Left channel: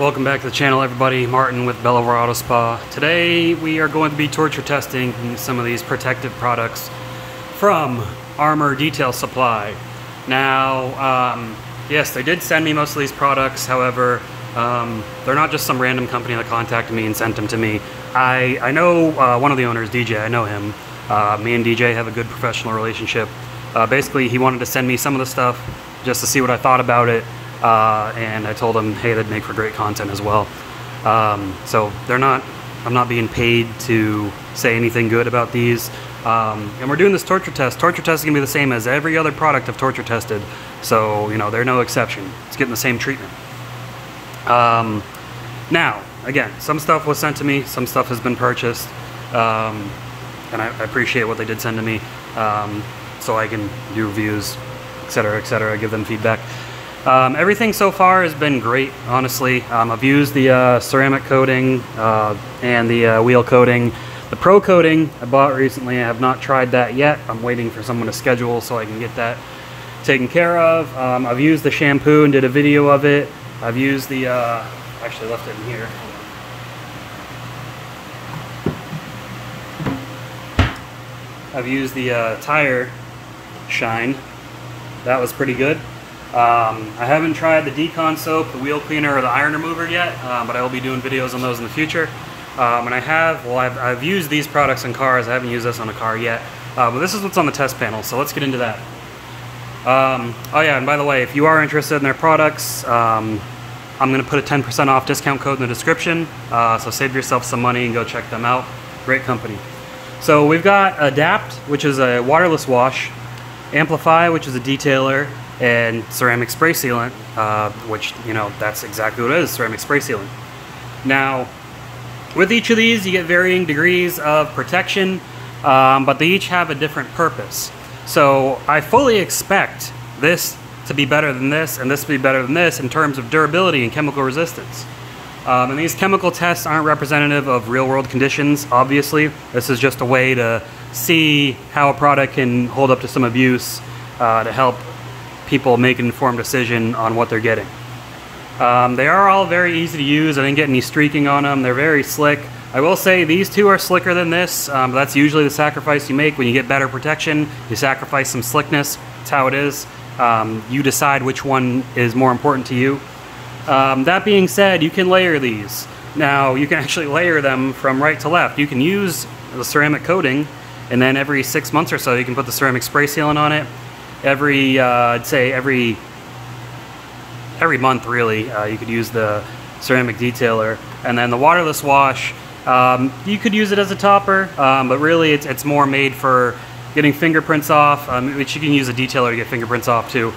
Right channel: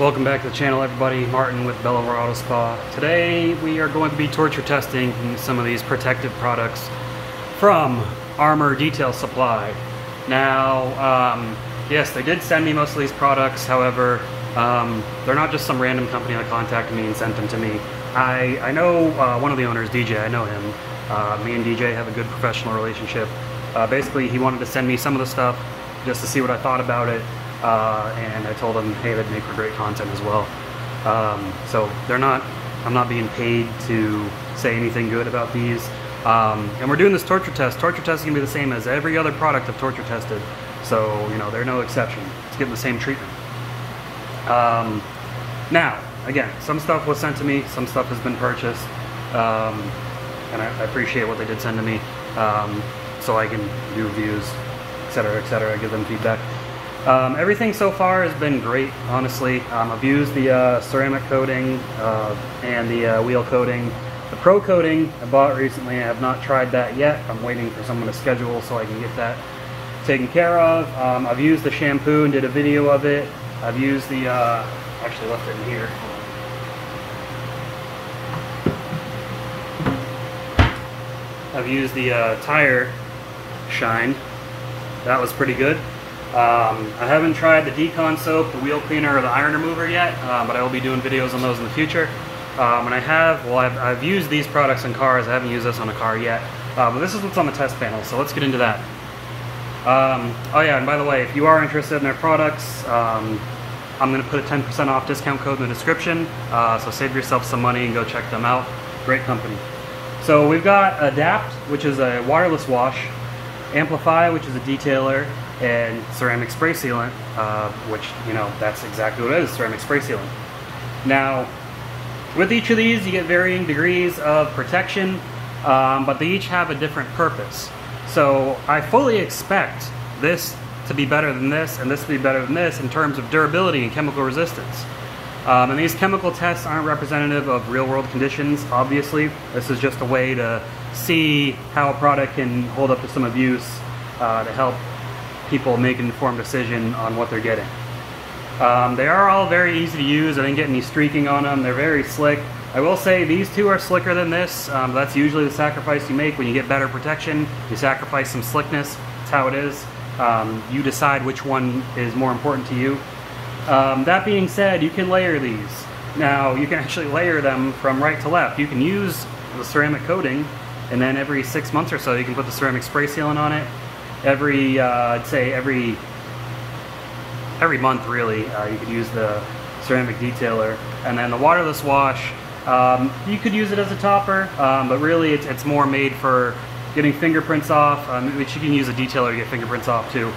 Welcome back to the channel, everybody. Martin with Bellover Auto Spa. Today we are going to be torture testing some of these protective products from Armour Detail Supply. Now, yes, they did send me most of these products. However, they're not just some random company that contacted me and sent them to me. I know one of the owners, DJ. I know him. Me and DJ have a good professional relationship. Basically, he wanted to send me some of the stuff just to see what I thought about it. And I told them, hey, that'd make for great content as well. So I'm not being paid to say anything good about these. And we're doing this torture test. Torture test is gonna be the same as every other product I've torture tested. So, you know, they're no exception. It's getting the same treatment. Now, again, some stuff was sent to me, some stuff has been purchased. And I appreciate what they did send to me. So I can do reviews, etc., give them feedback. Everything so far has been great, honestly. I've used the ceramic coating and the wheel coating. The pro coating I bought recently. I have not tried that yet. I'm waiting for someone to schedule so I can get that taken care of. I've used the shampoo and did a video of it. I've used the, actually left it in here. I've used the tire shine. That was pretty good. I haven't tried the decon soap, the wheel cleaner, or the iron remover yet, but I will be doing videos on those in the future. And I've used these products in cars. I haven't used this on a car yet, but this is what's on the test panel, so let's get into that. Oh yeah, and by the way, if you are interested in their products, I'm going to put a 10% off discount code in the description, so save yourself some money and go check them out. Great company. So we've got Adapt, which is a waterless wash, Amplify, which is a detailer, and ceramic spray sealant, which, you know, that's exactly what it is, ceramic spray sealant. Now, with each of these, you get varying degrees of protection, but they each have a different purpose. So I fully expect this to be better than this, and this to be better than this in terms of durability and chemical resistance. And these chemical tests aren't representative of real-world conditions, obviously. This is just a way to see how a product can hold up to some abuse to help people make an informed decision on what they're getting. They are all very easy to use. I didn't get any streaking on them. They're very slick. I will say these two are slicker than this. That's usually the sacrifice you make when you get better protection. You sacrifice some slickness. That's how it is. You decide which one is more important to you. That being said, you can layer these. Now, you can actually layer them from right to left. You can use the ceramic coating, and then every 6 months or so, you can put the ceramic spray sealant on it. I'd say every month, really, you could use the ceramic detailer. And then the waterless wash, you could use it as a topper, but really it's more made for getting fingerprints off, which you can use a detailer to get fingerprints off too.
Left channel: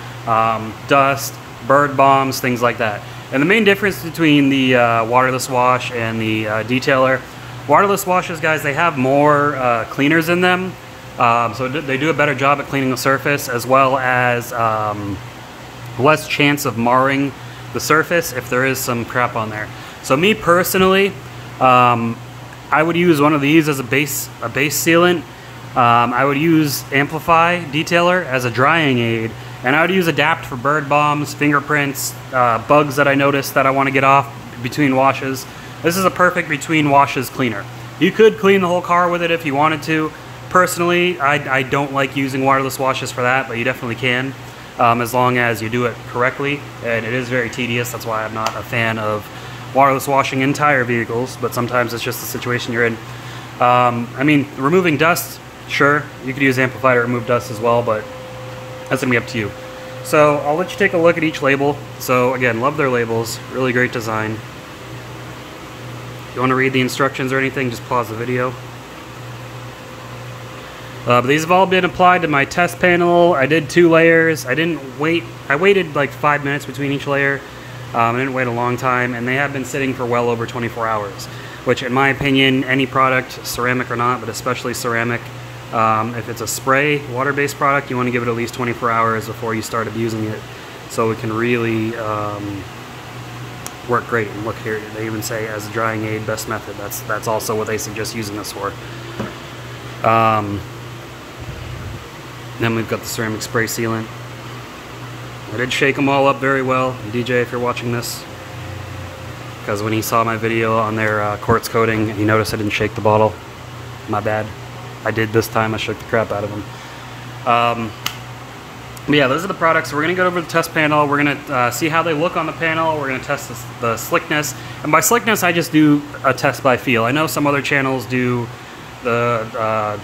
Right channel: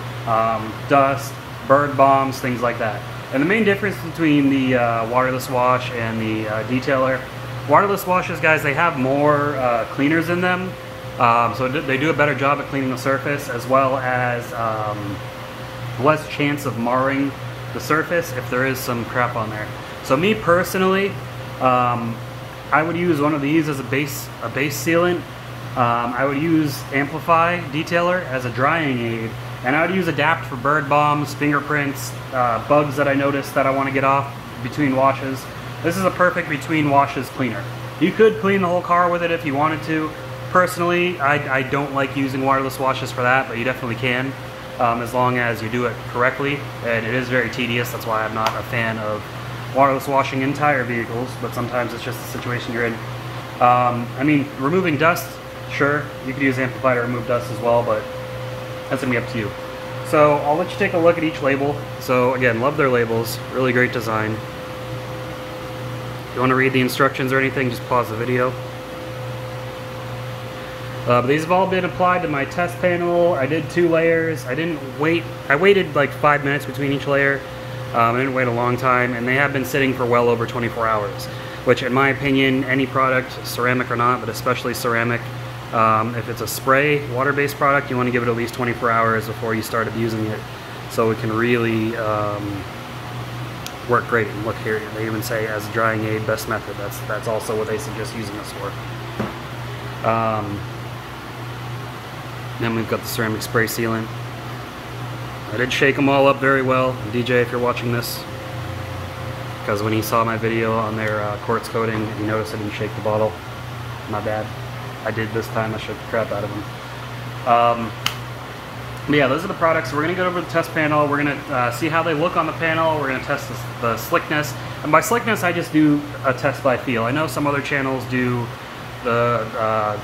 Dust, bird bombs, things like that. And the main difference between the waterless wash and the detailer, waterless washes, guys, they have more cleaners in them. So they do a better job at cleaning the surface, as well as less chance of marring the surface if there is some crap on there. So me personally, I would use one of these as a base sealant. I would use Amplify Detailer as a drying aid, and I would use Adapt for bird bombs, fingerprints, bugs that I noticed that I want to get off between washes. This is a perfect between washes cleaner. You could clean the whole car with it if you wanted to. Personally, I don't like using waterless washes for that, but you definitely can, as long as you do it correctly. And it is very tedious. That's why I'm not a fan of waterless washing entire vehicles, but sometimes it's just the situation you're in. I mean, removing dust, sure, you could use Amplify to remove dust as well, but that's gonna be up to you. So I'll let you take a look at each label. So again, love their labels, really great design. If you want to read the instructions or anything, just pause the video. But these have all been applied to my test panel. I did 2 layers. I waited like 5 minutes between each layer. I didn't wait a long time, and they have been sitting for well over 24 hours, which in my opinion, any product, ceramic or not, but especially ceramic, if it's a spray, water-based product, you want to give it at least 24 hours before you start abusing it, so it can really work great. And look here, they even say as a drying aid, best method. That's also what they suggest using this for. Then we've got the ceramic spray sealant. I did shake them all up very well. DJ, if you're watching this, because when he saw my video on their quartz coating, he noticed I didn't shake the bottle. My bad. I did this time. I shook the crap out of them. But yeah, those are the products. We're going to go over the test panel. We're going to see how they look on the panel. We're going to test the slickness. And by slickness, I just do a test by feel. I know some other channels do the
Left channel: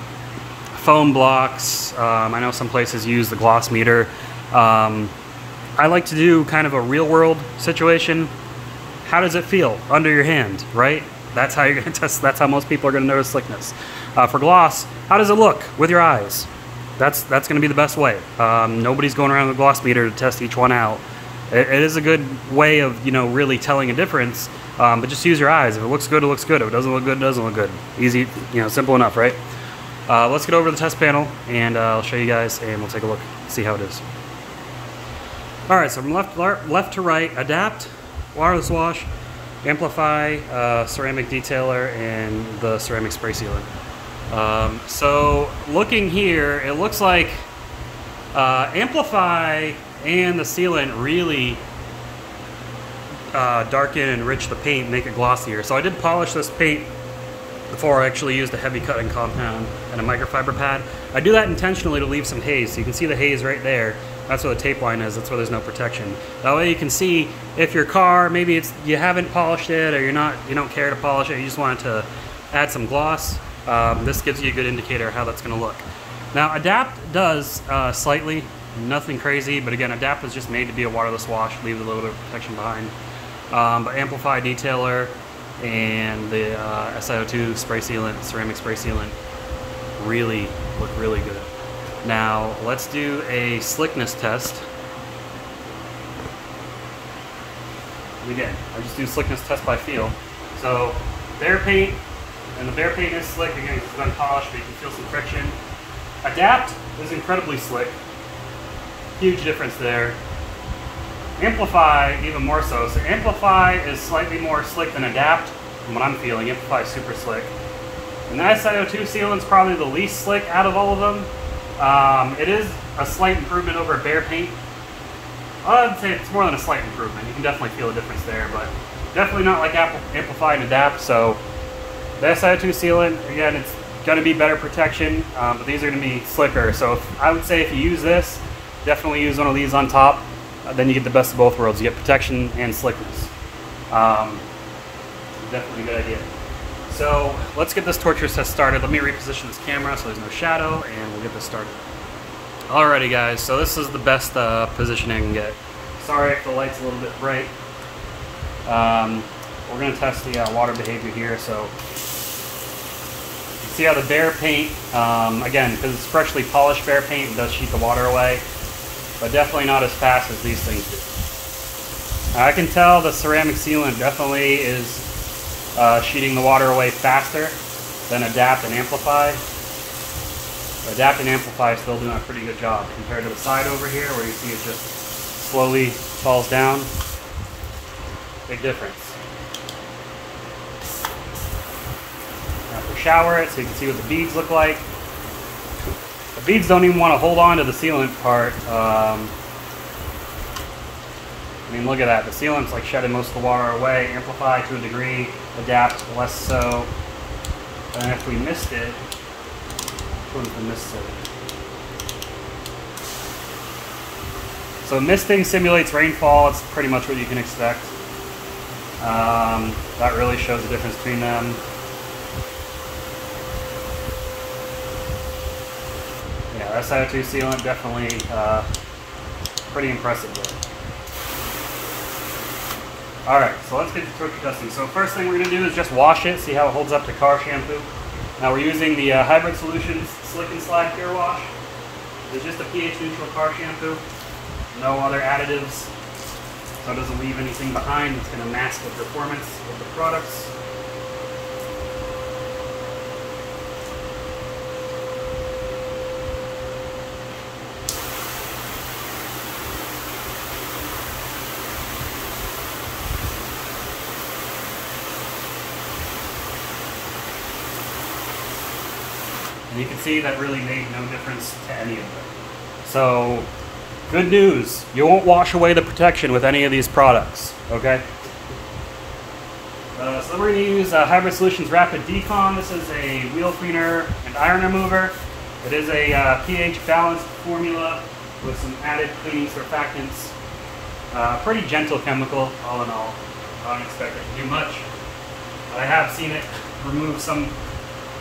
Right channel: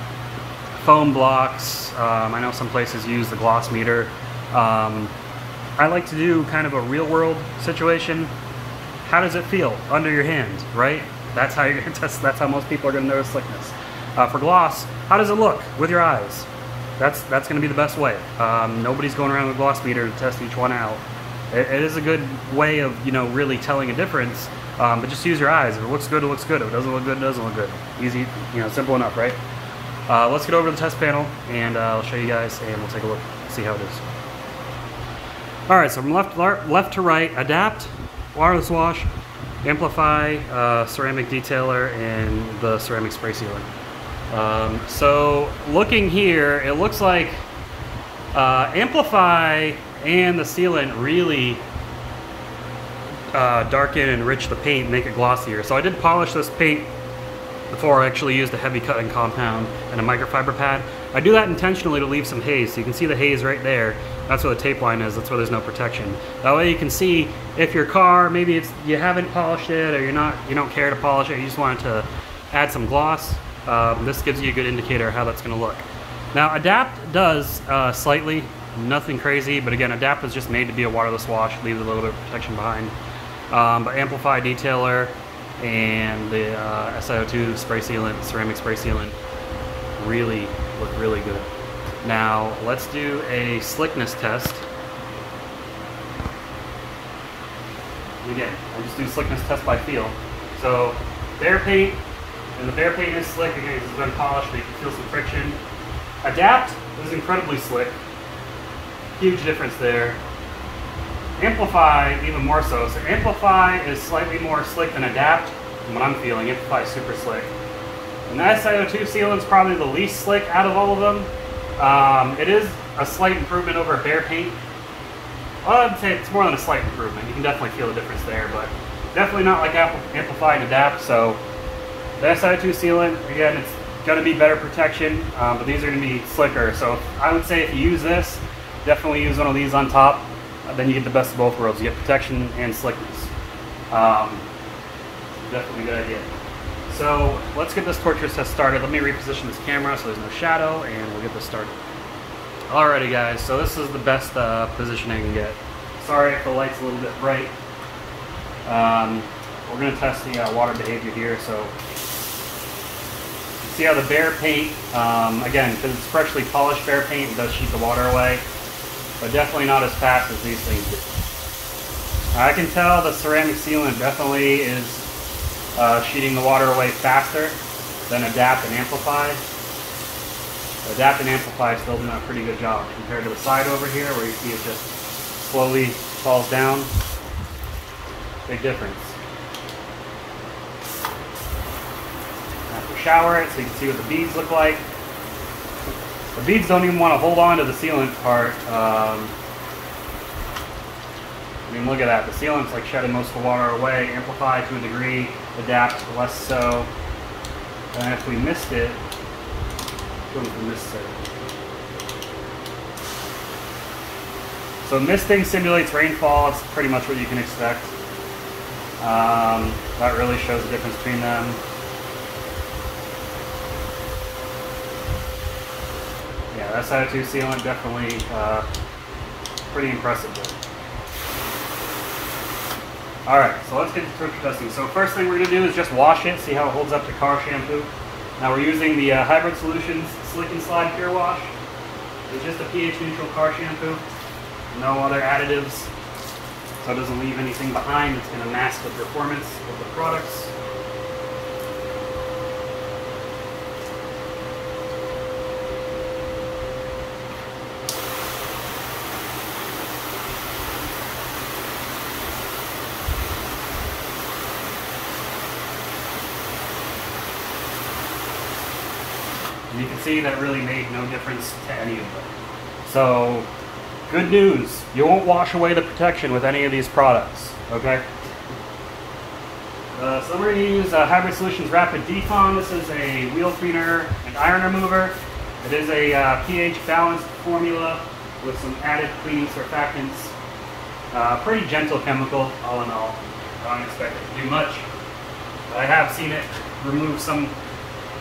foam blocks. I know some places use the gloss meter. I like to do kind of a real world situation. How does it feel under your hand, right? That's how you're going to test. That's how most people are going to notice slickness. For gloss, how does it look with your eyes? That's going to be the best way. Nobody's going around with a gloss meter to test each one out. It is a good way of, you know, really telling a difference. But just use your eyes. If it looks good, it looks good. If it doesn't look good, it doesn't look good. Easy, you know, simple enough, right? Let's get over to the test panel, and I'll show you guys, and we'll take a look, see how it is. All right, so from left to right, Adapt, wireless wash, Amplify, ceramic detailer, and the ceramic spray sealer. So looking here, it looks like Amplify and the sealant really darken and enrich the paint, make it glossier. So I did polish this paint before I actually used a heavy cutting compound and a microfiber pad. I do that intentionally to leave some haze. So you can see the haze right there. That's where the tape line is. That's where there's no protection. That way you can see if your car, maybe you haven't polished it, or you don't care to polish it, you just want to add some gloss. This gives you a good indicator of how that's going to look. Now Adapt does slightly, nothing crazy, but again, Adapt was just made to be a waterless wash, leaves a little bit of protection behind. But Amplify detailer and the SiO2 spray sealant, ceramic spray sealant, really look really good. Now let's do a slickness test. Again, I just do slickness test by feel. So bare paint, and the bare paint is slick. Again, it's been polished, but you can feel some friction. Adapt was incredibly slick. Huge difference there. Amplify even more so. So Amplify is slightly more slick than Adapt, from what I'm feeling. Amplify is super slick. And the SiO2 sealant's probably the least slick out of all of them. It is a slight improvement over bare paint. Well, I'd say it's more than a slight improvement. You can definitely feel a difference there, but definitely not like Amplify and Adapt. So the SiO2 sealant, again, it's going to be better protection, but these are going to be slicker. So I would say if you use this, definitely use one of these on top. Then you get the best of both worlds. You get protection and slickness. Definitely a good idea. So let's get this torture test started. Let me reposition this camera so there's no shadow, and we'll get this started. Alrighty guys, so this is the best position I can get. Sorry if the light's a little bit bright. We're going to test the water behavior here. So see how the bare paint, again, because it's freshly polished bare paint, it does sheet the water away, but definitely not as fast as these things do. Now, I can tell the ceramic sealant definitely is sheeting the water away faster than Adapt and Amplify. Adapt and Amplify is still doing a pretty good job compared to the side over here where you see it just slowly falls down. Big difference. Now we shower it so you can see what the beads look like. The beads don't even want to hold on to the sealant part. I mean, look at that. The sealant's like shedding most of the water away. Amplify to a degree, Adapt less so. And if we missed it, what was the mist setting? So misting simulates rainfall. It's pretty much what you can expect. That really shows the difference between them. Yeah, SiO2 sealant definitely pretty impressive there. Alright, so let's get to torture testing. So first thing we're going to do is just wash it, see how it holds up to car shampoo. Now we're using the Hybrid Solutions Slick and Slide Pure Wash. It's just a pH neutral car shampoo. No other additives. So it doesn't leave anything behind. It's going to mask the performance of the products. And you can see that really made no difference to any of them. So, good news, you won't wash away the protection with any of these products, okay? So we're going to use Hybrid Solutions Rapid Decon. This is a wheel cleaner and iron remover. It is a pH balanced formula with some added cleaning surfactants. Pretty gentle chemical, all in all. I don't expect it to do much. I have seen it remove some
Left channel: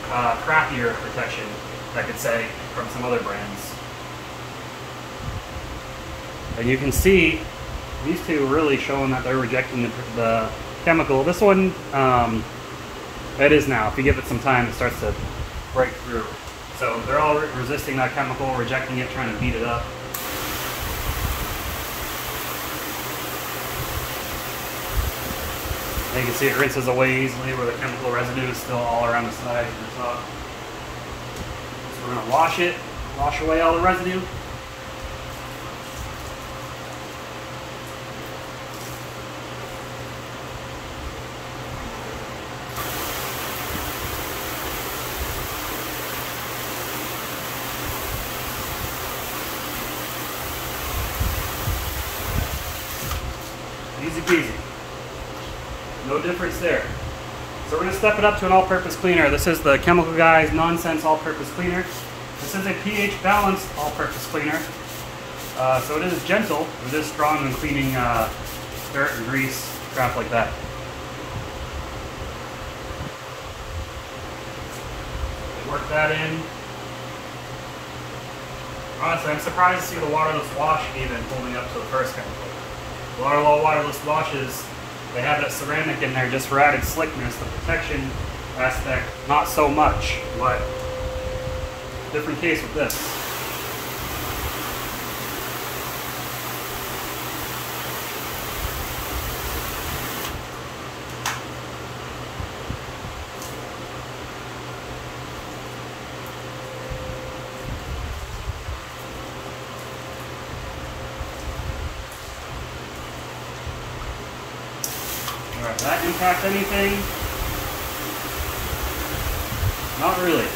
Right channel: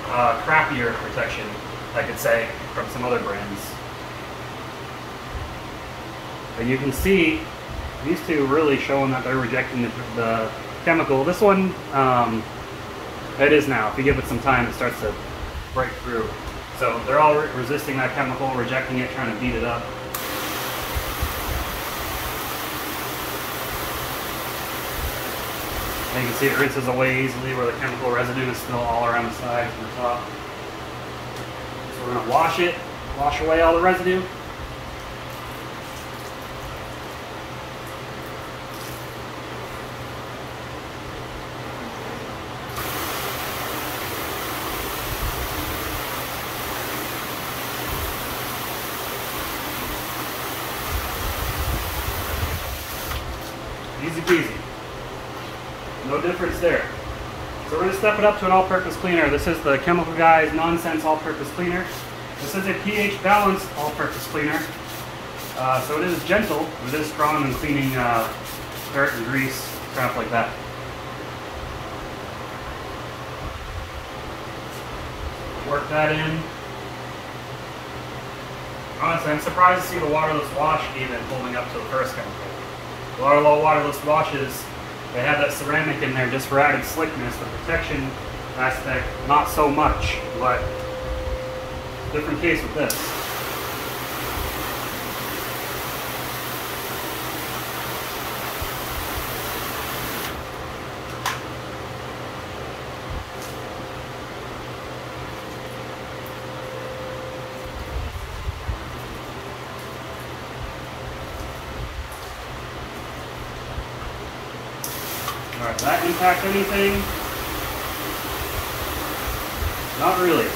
crappier protection, I could say, from some other brands. And you can see these two really showing that they're rejecting the chemical. This one, it is now. If you give it some time, it starts to break through. So they're all resisting that chemical, rejecting it, trying to beat it up. And you can see it rinses away easily where the chemical residue is still all around the sides and the top. So we're going to wash it, wash away all the residue. Easy peasy. No difference there. So we're going to step it up to an all-purpose cleaner. This is the Chemical Guys Nonsense All-Purpose Cleaner. This is a pH balanced all-purpose cleaner. So it is gentle. It is strong in cleaning dirt and grease, crap like that. Work that in. Honestly, I'm surprised to see the waterless wash even holding up to the first chemical. A lot of waterless washes, they have that ceramic in there just for added slickness. The protection aspect, not so much, but different case with this. Alright, did that impact anything? Not really.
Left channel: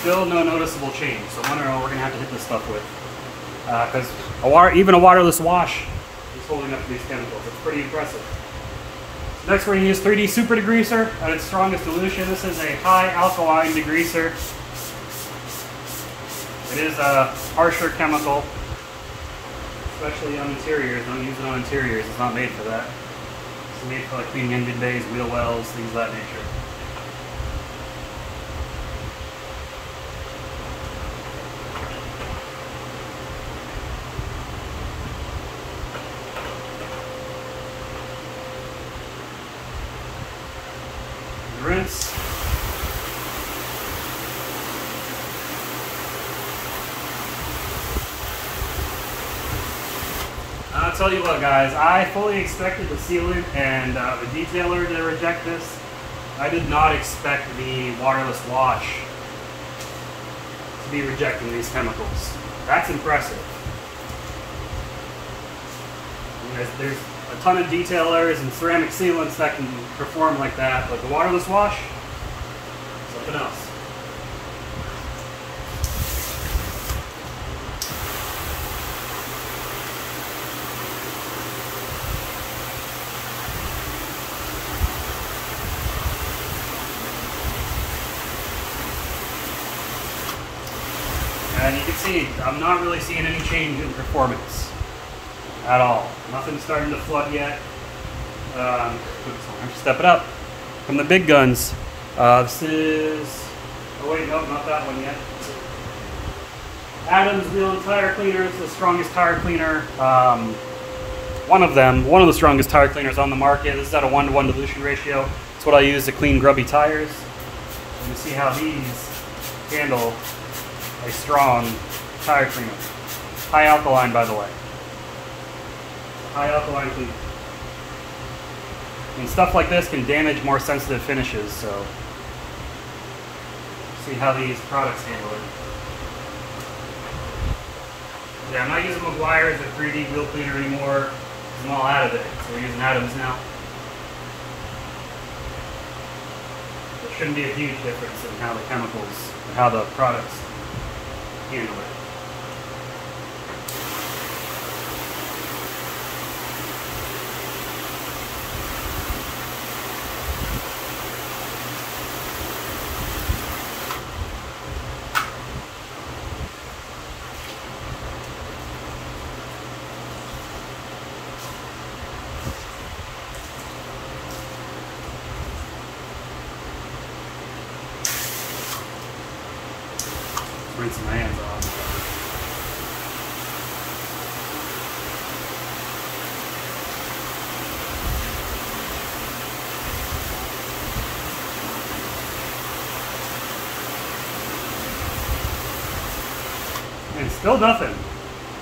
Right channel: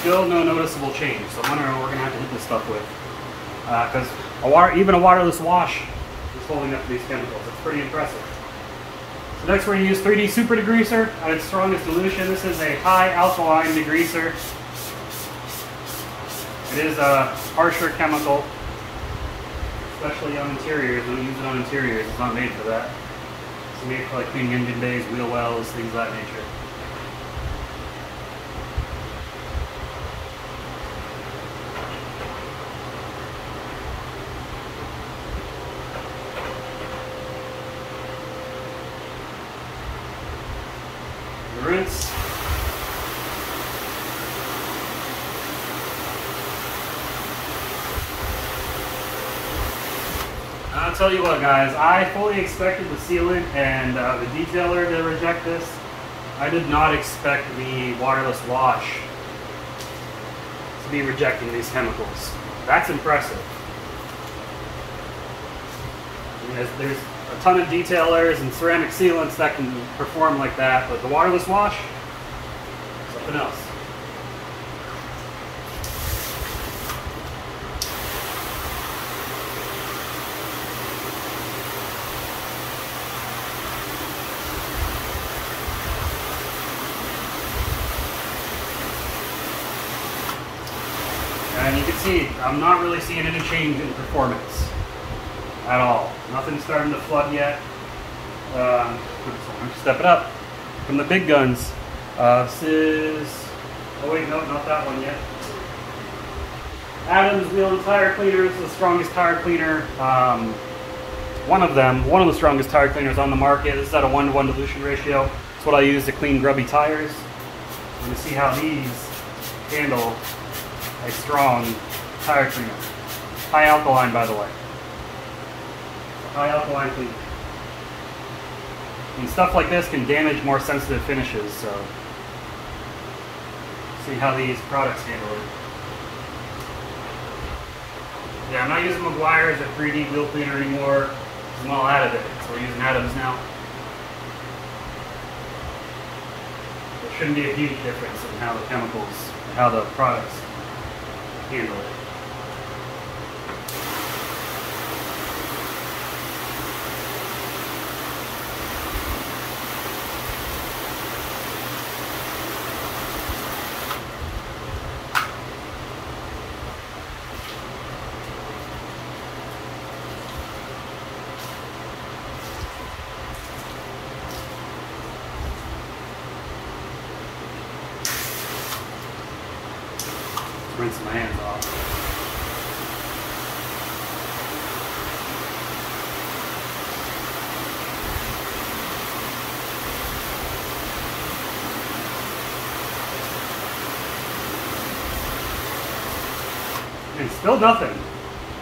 Still no noticeable change, so I wonder what we're going to have to hit this stuff with. Because even a waterless wash is holding up to these chemicals. It's pretty impressive. So next we're going to use 3D Super Degreaser at its strongest dilution. This is a high alkaline degreaser. It is a harsher chemical, especially on interiors. Don't use it on interiors. It's not made for that. It's made for like cleaning engine bays, wheel wells, things of that nature. Rinse. I'll tell you what, guys, I fully expected the sealant and the detailer to reject this. I did not expect the waterless wash to be rejecting these chemicals. That's impressive. There's a ton of detailers and ceramic sealants that can perform like that, but the waterless wash, something else. And you can see, I'm not really seeing any change in performance at all. Nothing's starting to flood yet. Step it up from the big guns. This is, oh wait, no, not that one yet. Adams Wheel and Tire Cleaner is the strongest tire cleaner. One of the strongest tire cleaners on the market. This is at a 1-to-1 dilution ratio. It's what I use to clean grubby tires. You can see how these handle a strong tire cleaner. High alkaline, by the way. High alkaline cleaner. And stuff like this can damage more sensitive finishes, so see how these products handle it. Yeah, I'm not using McGuire's or 3D wheel cleaner anymore. I'm all out of it, so we're using Adams now. There shouldn't be a huge difference in how the chemicals, how the products handle it. gets my hands off. And still nothing.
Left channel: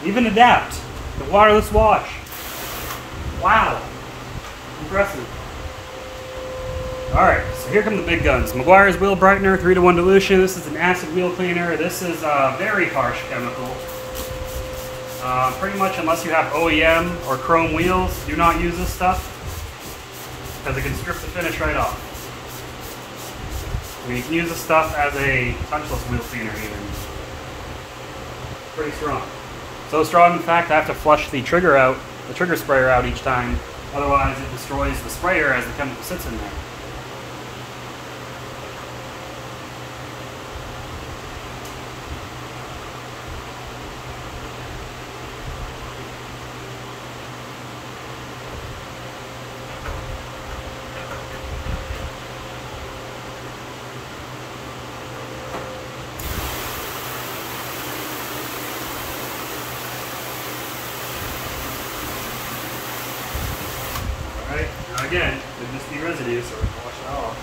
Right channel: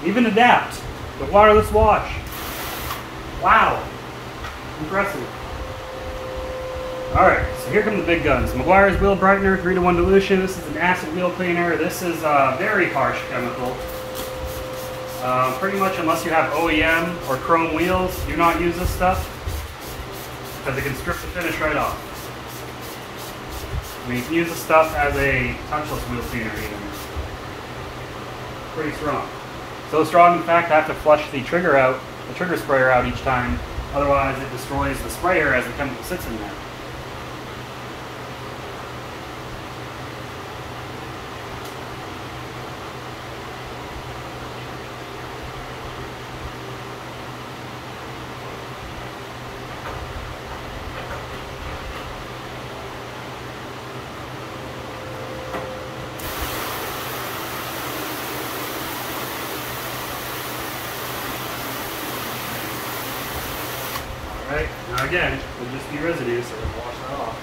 Even Adapt, the waterless wash. Wow. Impressive. Alright, so here come the big guns. Meguiar's Wheel Brightener, 3-to-1 dilution. This is an acid wheel cleaner. This is a very harsh chemical. Pretty much unless you have OEM or chrome wheels, do not use this stuff because it can strip the finish right off. I mean, you can use this stuff as a touchless wheel cleaner even. Pretty strong. So strong, in fact, I have to flush the trigger sprayer out each time. Otherwise, it destroys the sprayer as the chemical sits in there. Alright, now again, it would just be residue, so we'll wash that off.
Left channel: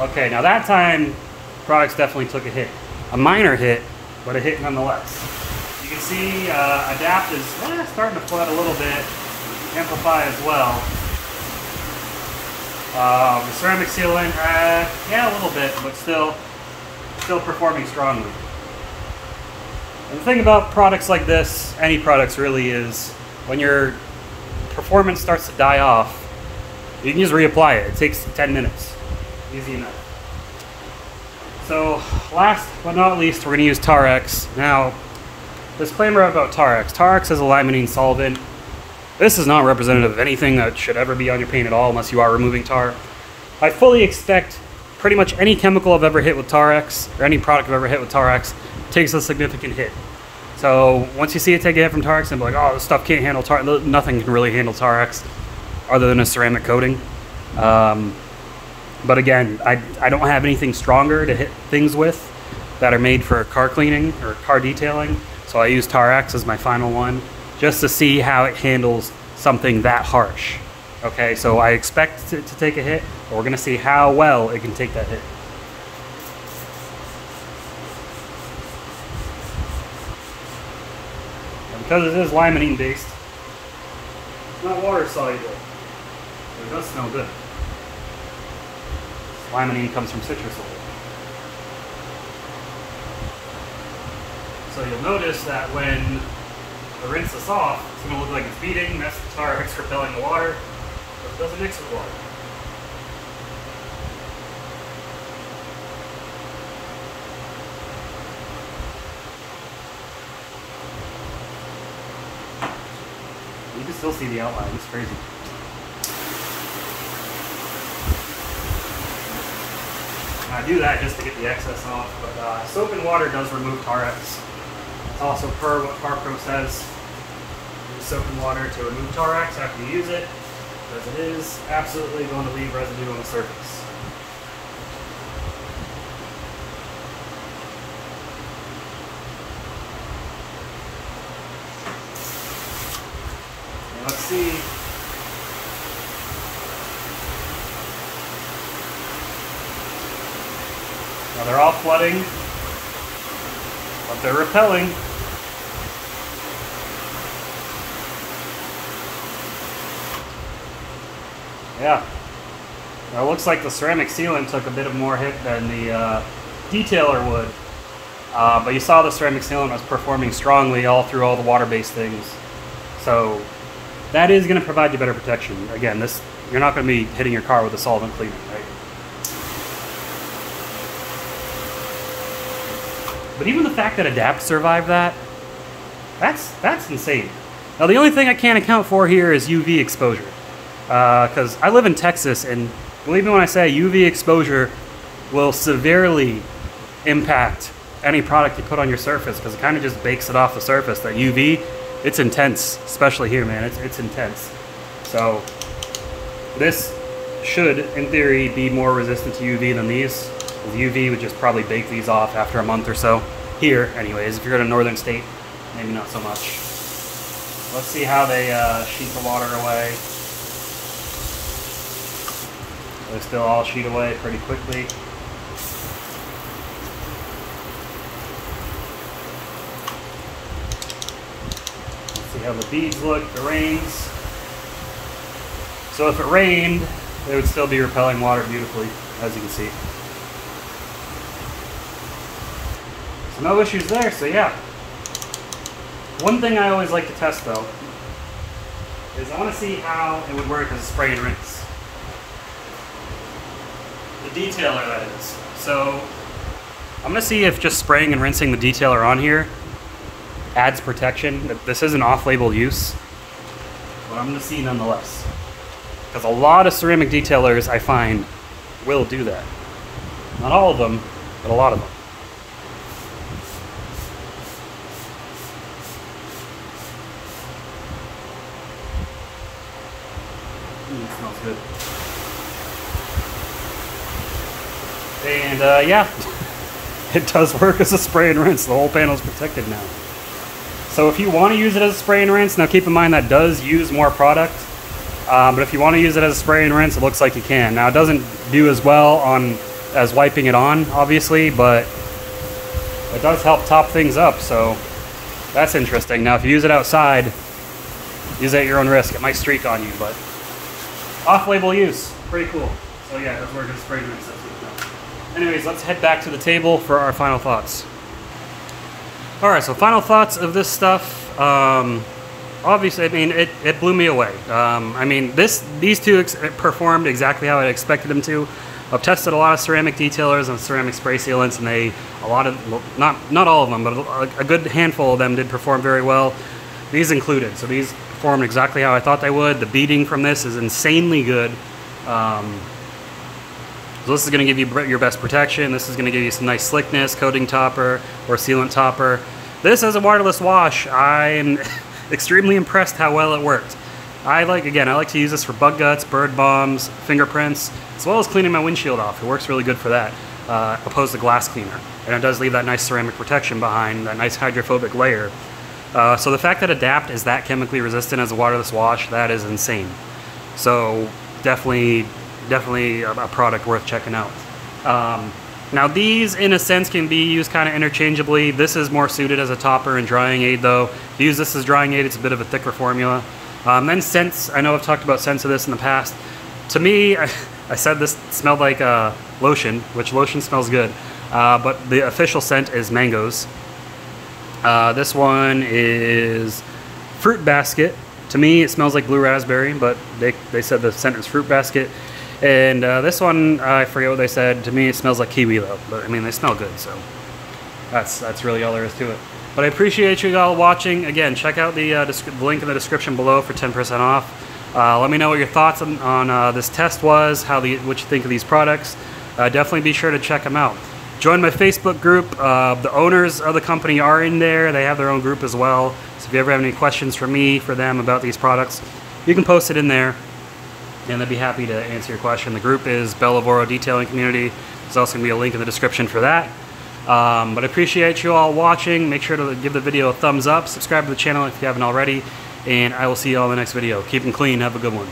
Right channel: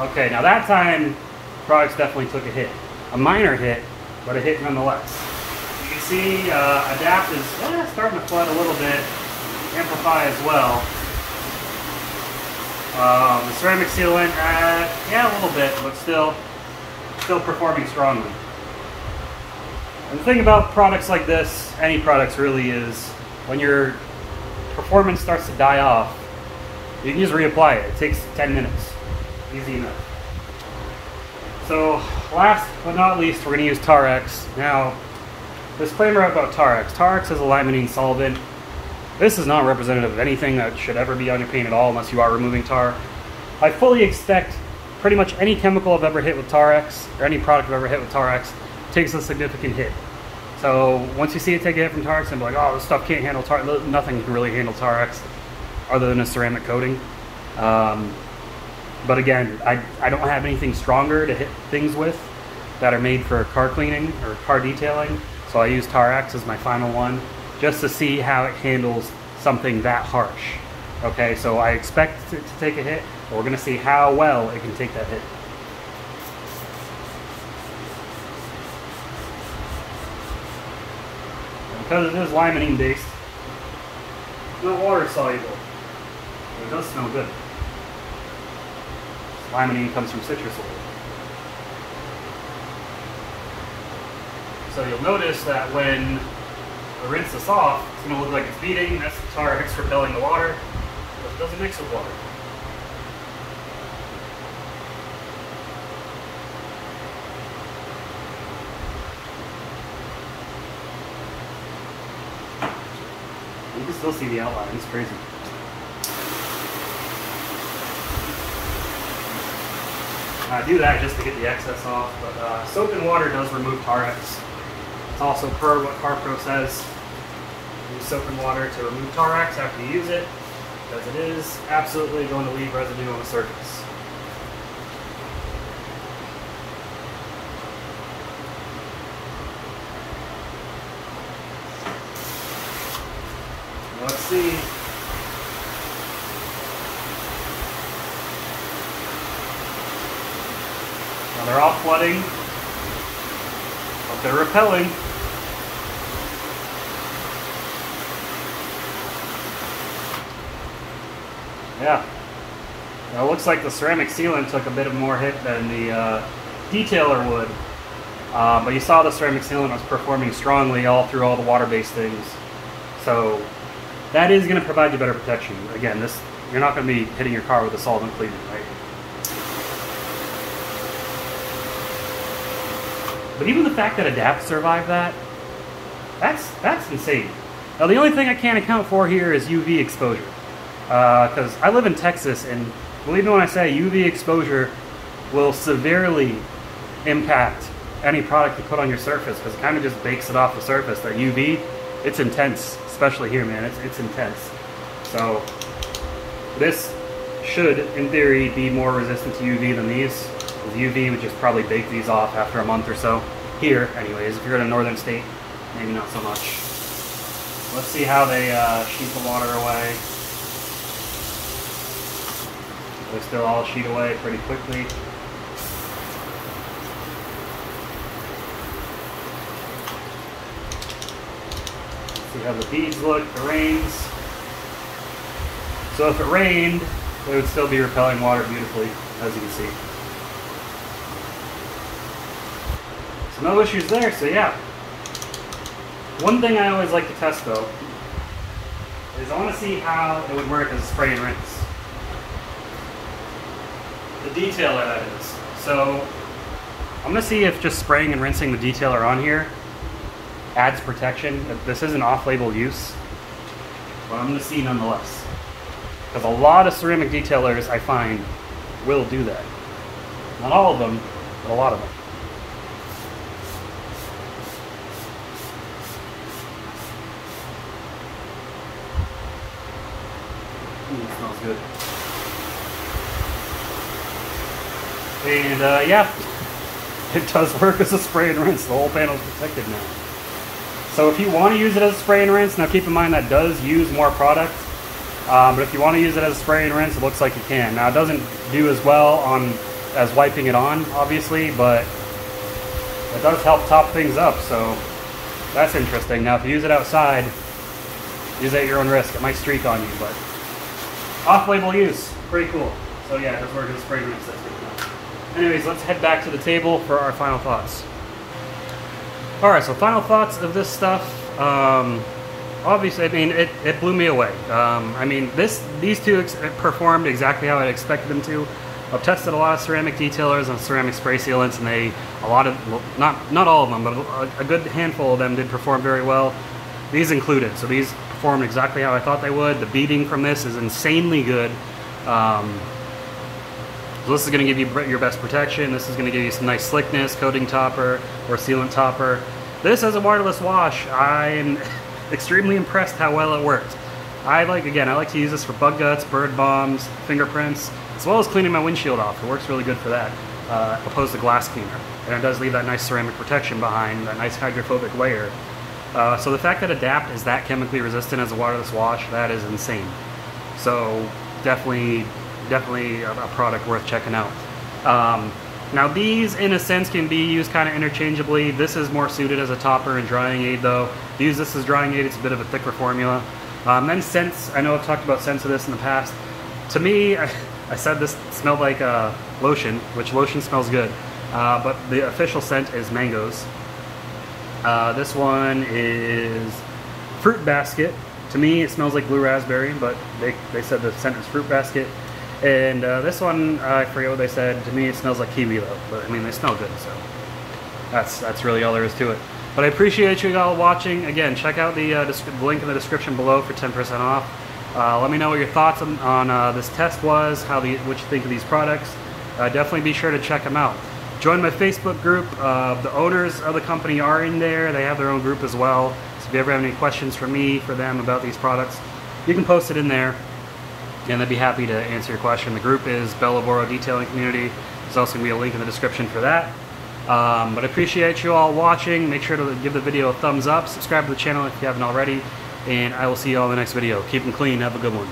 Okay, now that time, products definitely took a hit. A minor hit, but a hit nonetheless. You can see Adapt is starting to flood a little bit, amplify as well. The ceramic sealant, yeah, a little bit, but still performing strongly. And the thing about products like this, any products really, is when your performance starts to die off, you can just reapply it. It takes 10 minutes. Easy enough. So, last but not least, we're going to use Tarex. Now, disclaimer about Tarex. Tarex is a limonene solvent. This is not representative of anything that should ever be on your paint at all unless you are removing tar. I fully expect pretty much any chemical I've ever hit with Tarex, or any product I've ever hit with Tarex, takes a significant hit. So, once you see it take a hit from Tarex, and be like, oh, this stuff can't handle Tarex. Nothing can really handle Tarex other than a ceramic coating. But again, I don't have anything stronger to hit things with that are made for car cleaning or car detailing. So I use Tarex as my final one just to see how it handles something that harsh. Okay, so I expect it to take a hit, but we're going to see how well it can take that hit. And because it is limonene based, it's not water soluble. It does smell good. Limonene comes from citrus oil. So you'll notice that when I rinse this off, it's going to look like it's beading. That's the Tarex repelling the water, but it doesn't mix with water. You can still see the outline. It's crazy. I do that just to get the excess off, but soap and water does remove Tarex. It's also per what CarPro says. Use soap and water to remove Tarex after you use it, because it is absolutely going to leave residue on the surface. Now let's see. They're all flooding, but they're repelling. Yeah. Now it looks like the ceramic sealant took a bit of more hit than the detailer would. But you saw the ceramic sealant was performing strongly all through all the water-based things. So that is going to provide you better protection. Again, you're not going to be hitting your car with a solvent cleaner, right? But even the fact that Adapt survived that's insane. Now the only thing I can't account for here is UV exposure. Because I live in Texas, and believe me when I say UV exposure will severely impact any product you put on your surface, because it kind of just bakes it off the surface. That UV, it's intense, especially here, man. It's intense. So this should, in theory, be more resistant to UV than these. The UV would just probably bake these off after a month or so. Here, anyways. If you're in a northern state, maybe not so much. Let's see how they sheet the water away. They still all sheet away pretty quickly. Let's see how the beads look. It rains. So if it rained, it would still be repelling water beautifully, as you can see. So no issues there, so yeah. One thing I always like to test though, is I want to see how it would work as a spray and rinse. The detailer, that is. So I'm going to see if just spraying and rinsing the detailer on here adds protection. This is an off-label use, but I'm going to see nonetheless. Because a lot of ceramic detailers, I find, will do that. Not all of them, but a lot of them. Ooh, it smells good. And yeah, it does work as a spray and rinse. The whole panel is protected now. So if you want to use it as a spray and rinse, now keep in mind that does use more product. But if you want to use it as a spray and rinse, it looks like you can. Now it doesn't do as well as wiping it on, obviously, but it does help top things up, so that's interesting. Now if you use it outside, use it at your own risk. It might streak on you, but off-label use, pretty cool. So yeah, it does work as a spray and rinse. That's good enough. Anyways, let's head back to the table for our final thoughts. Alright, so final thoughts of this stuff. Obviously, I mean, it blew me away. I mean, these two performed exactly how I expected them to. I've tested a lot of ceramic detailers and ceramic spray sealants, and well, not all of them, but a good handful of them did perform very well. These included. So these performed exactly how I thought they would. The beading from this is insanely good. So this is going to give you your best protection. This is going to give you some nice slickness, coating topper or sealant topper. This as a waterless wash, I'm extremely impressed how well it worked. I like to use this for bug guts, bird bombs, fingerprints, as well as cleaning my windshield off. It works really good for that, opposed to glass cleaner. And it does leave that nice ceramic protection behind, that nice hydrophobic layer. So the fact that Adapt is that chemically resistant as a waterless wash, that is insane. So definitely a product worth checking out. Now these, in a sense, can be used kind of interchangeably. This is more suited as a topper and drying aid, though. If you use this as drying aid, it's a bit of a thicker formula. Then scents, I know I've talked about scents of this in the past. To me, I said this smelled like lotion, which lotion smells good. But the official scent is mangoes. This one is fruit basket. To me, it smells like blue raspberry, but they said the scent is fruit basket. And this one, I forget what they said. To me, it smells like kiwi, though. But I mean, they smell good, so that's really all there is to it. But I appreciate you all watching. Again, check out the link in the description below for 10% off. Let me know what your thoughts on this test was, what you think of these products. Definitely be sure to check them out. Join my Facebook group. The owners of the company are in there. They have their own group as well. So if you ever have any questions for them about these products, you can post it in there, and I'd be happy to answer your question. The group is Bellavoro Detailing Community. There's also going to be a link in the description for that. But I appreciate you all watching. Make sure to give the video a thumbs up. Subscribe to the channel if you haven't already. And I will see you all in the next video. Keep them clean. Have a good one.